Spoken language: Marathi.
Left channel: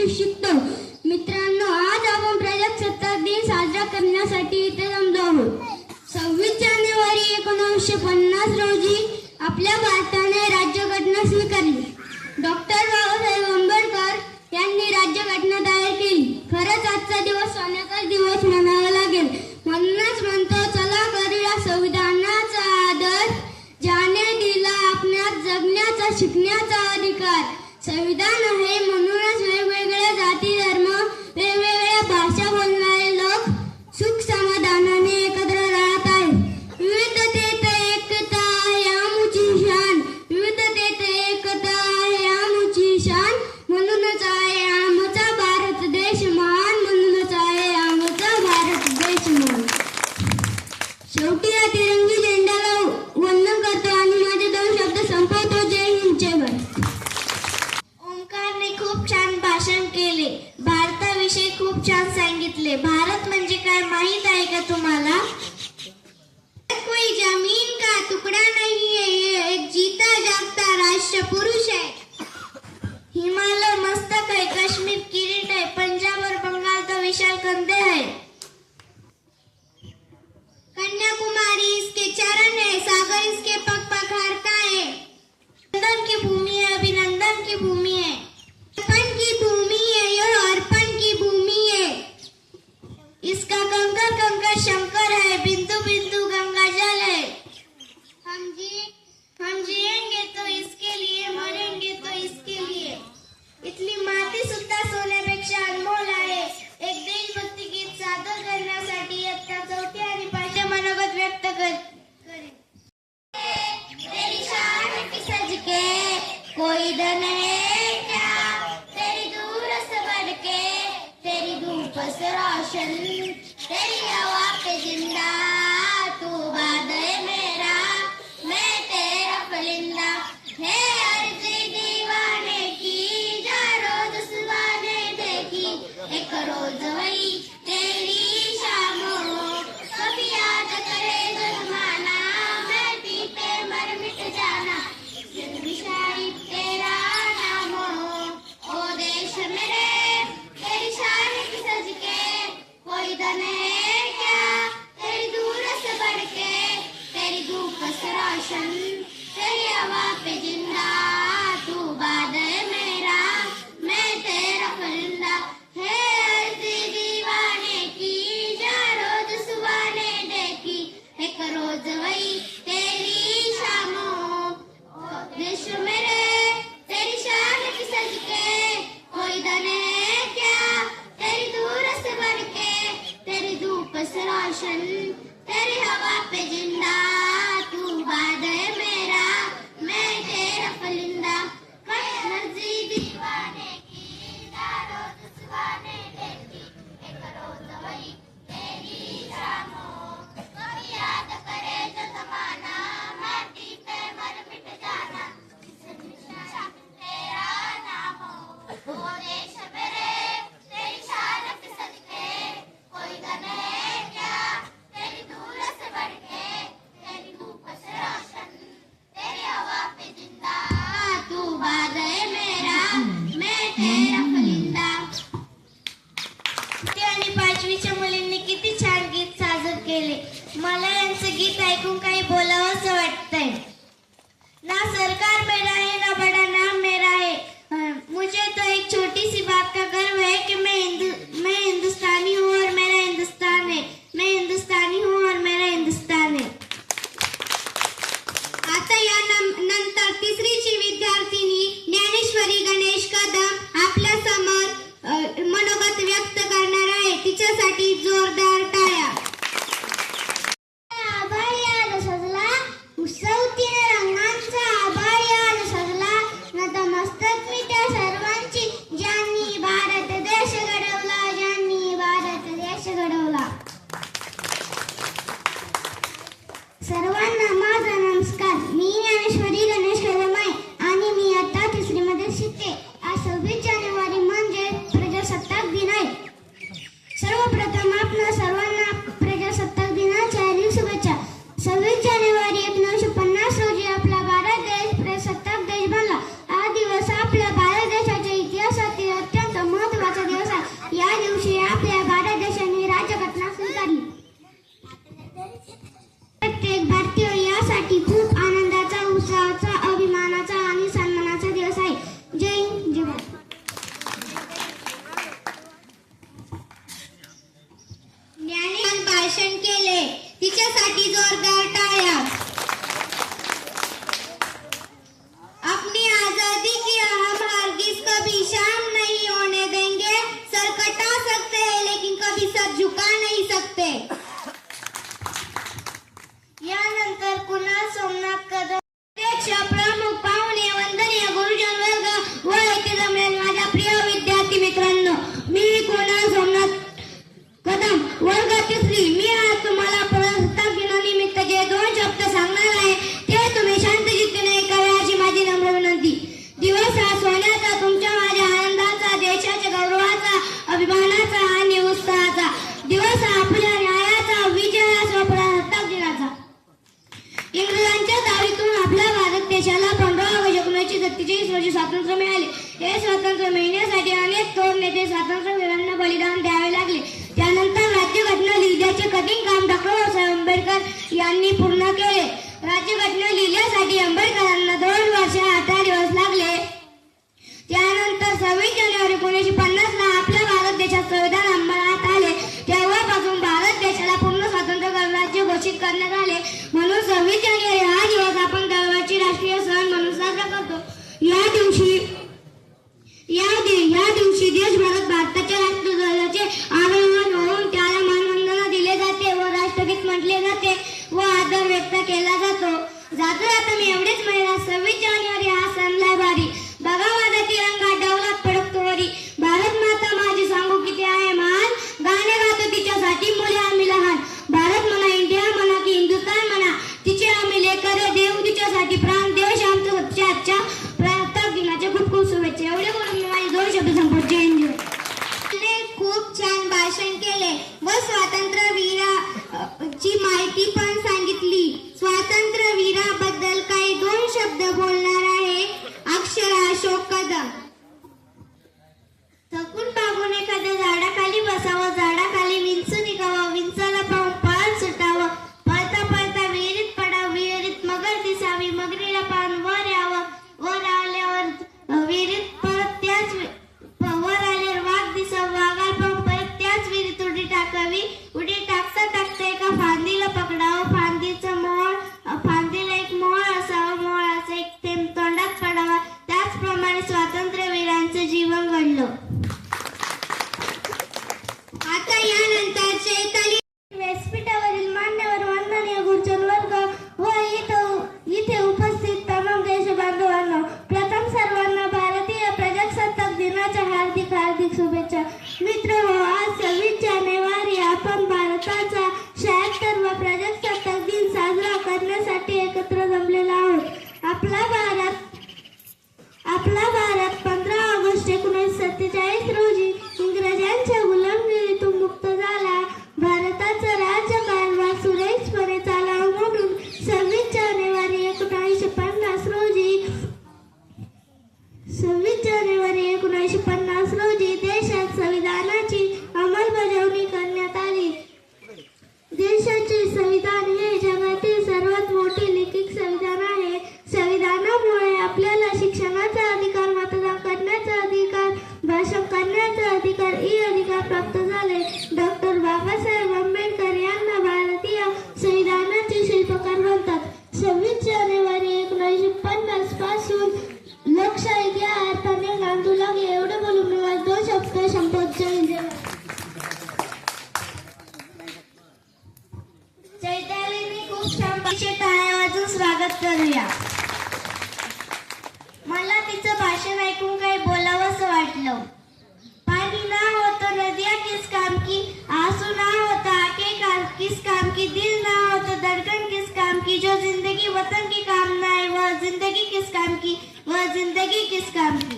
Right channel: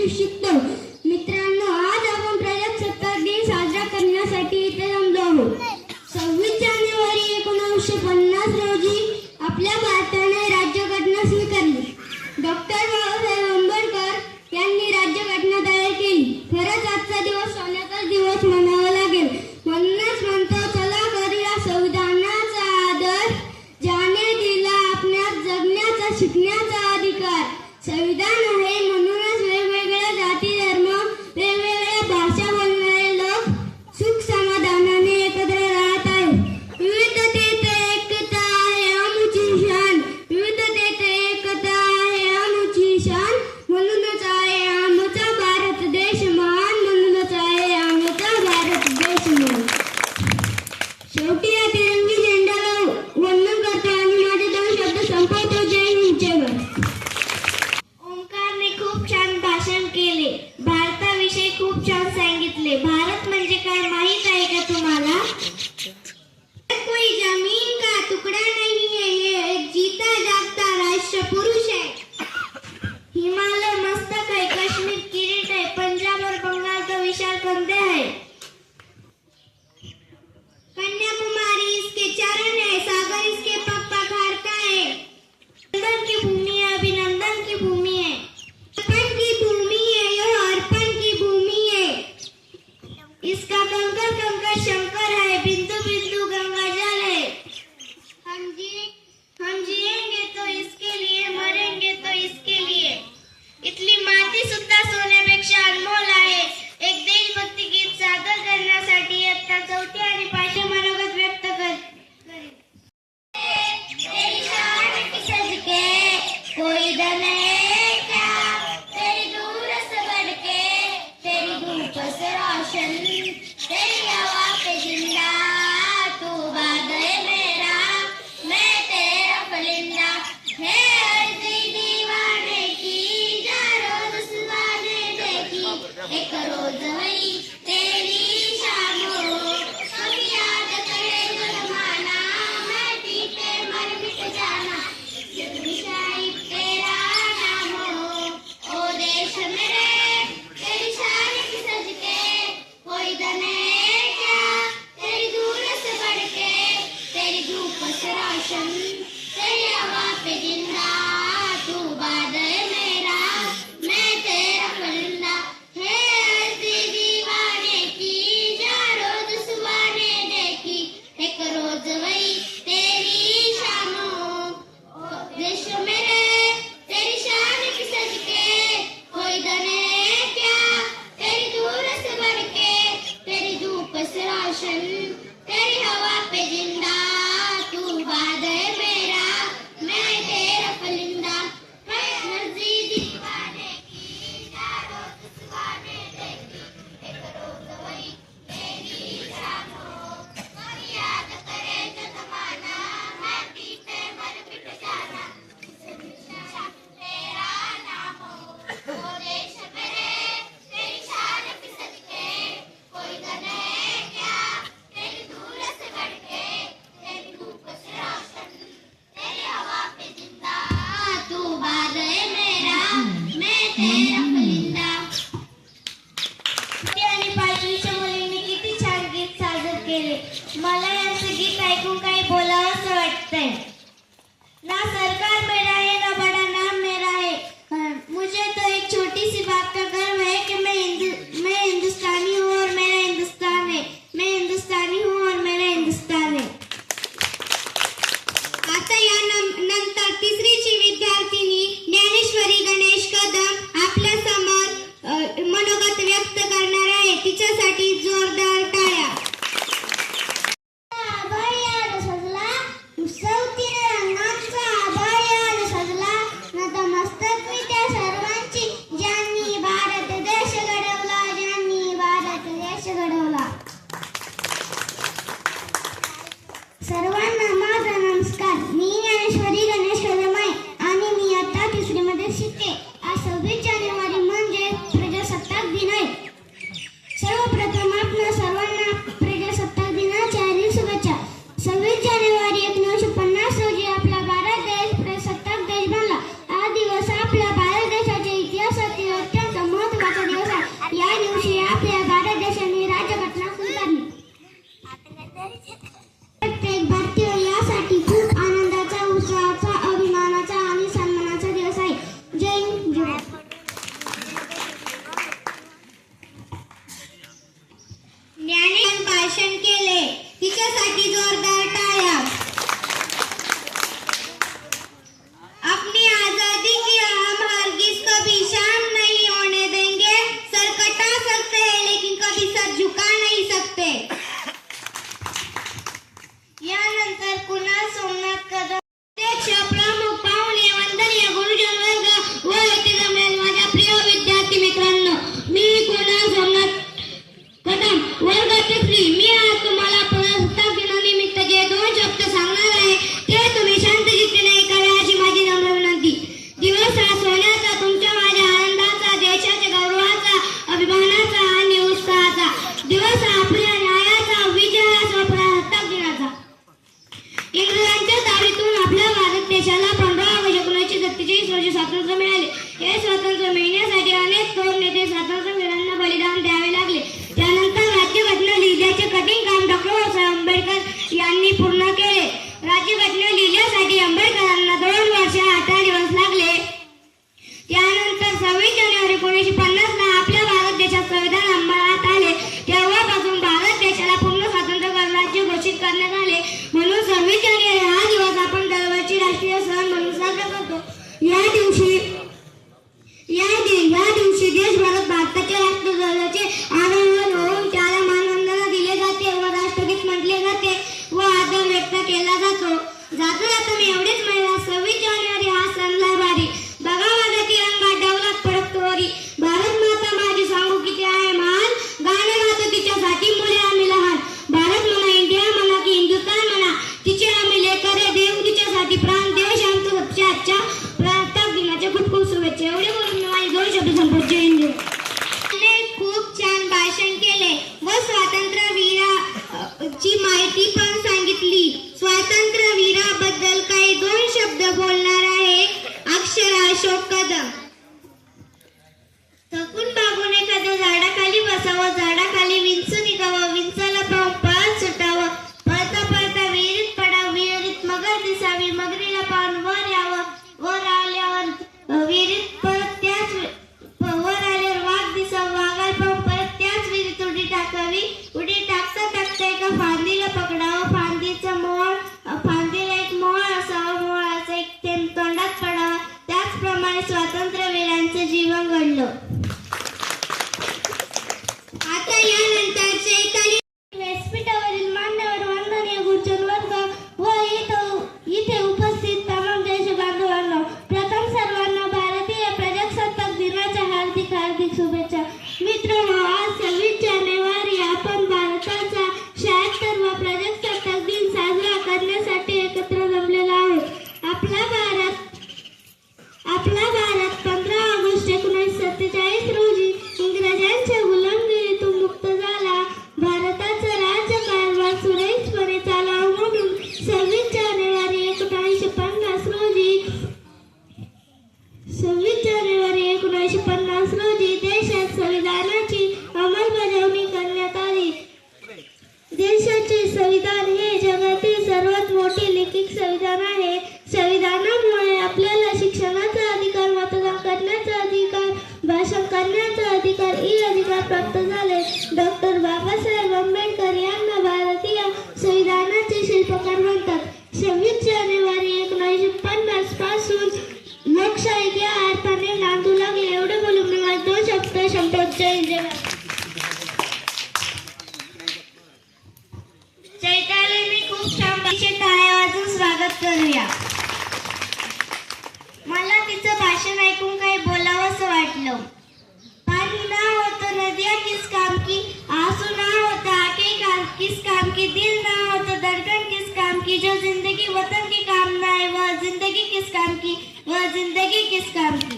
काहीतरी शिकतो मित्रांनो आज आपण प्रजासत्ताक दिन साजरा करण्यासाठी इथे जमलो आहोत. सव्वीस जानेवारी एकोणीसशे पन्नास रोजी आपल्या भारताने राज्यघटना स्वीकारली. डॉक्टर बाबासाहेब आंबेडकर यांनी राज्यघटना तयार केली. खरंच आजचा दिवस सोन्याचा दिवस म्हणावा लागेल. म्हणूनच म्हणतो चला करूया संविधानाचा आदर ज्याने दिला आपल्या जगण्याचा शिकण्याचा अधिकार. संविधान आहे म्हणून चरण है, सागर इसके पग पखारता है। नंदन की भूमि है, अभिनंदन की भूमि है। अर्पण की भूमि है यह अर्पण की भूमि है। इसका कंकर कंकर शंकर है, बिंदु बिंदु गंगा जल है। हम जी, हम जिएँगे तो इसके लिए, मरेंगे तो इसके लिए। इतनी माटी सुत भाषण केले. तिच्यासाठी जोरदार टाळ्या. रोजी स्वातंत्र्य मिळाले. हे स्वातंत्र्य मिळण्यासाठी अनेक थोर नेते स्वातंत्र्य वीरांना बलिदान द्यावे लागले. त्यानंतर राज्यघटना लिहिण्याचे कठीण काम डॉक्टर बाबासाहेब आंबेडकर यांनी पूर्ण केले. राज्यघटना लिहिण्यासाठी आंबेडकरांना bastante टाळ्या वाजून स्वागत करूया. मला तिचं भाषण ऐकून काही बोलावंसं वाटलं. पाणी ना होतं नदिया किस काम की आसू ना होता आके काम किस काम की दिल ना होता धड़कन किस काम की जो जिंदगी वतन की काम ना है वह जिंदगी किस काम की वह जिंदगी किस काम की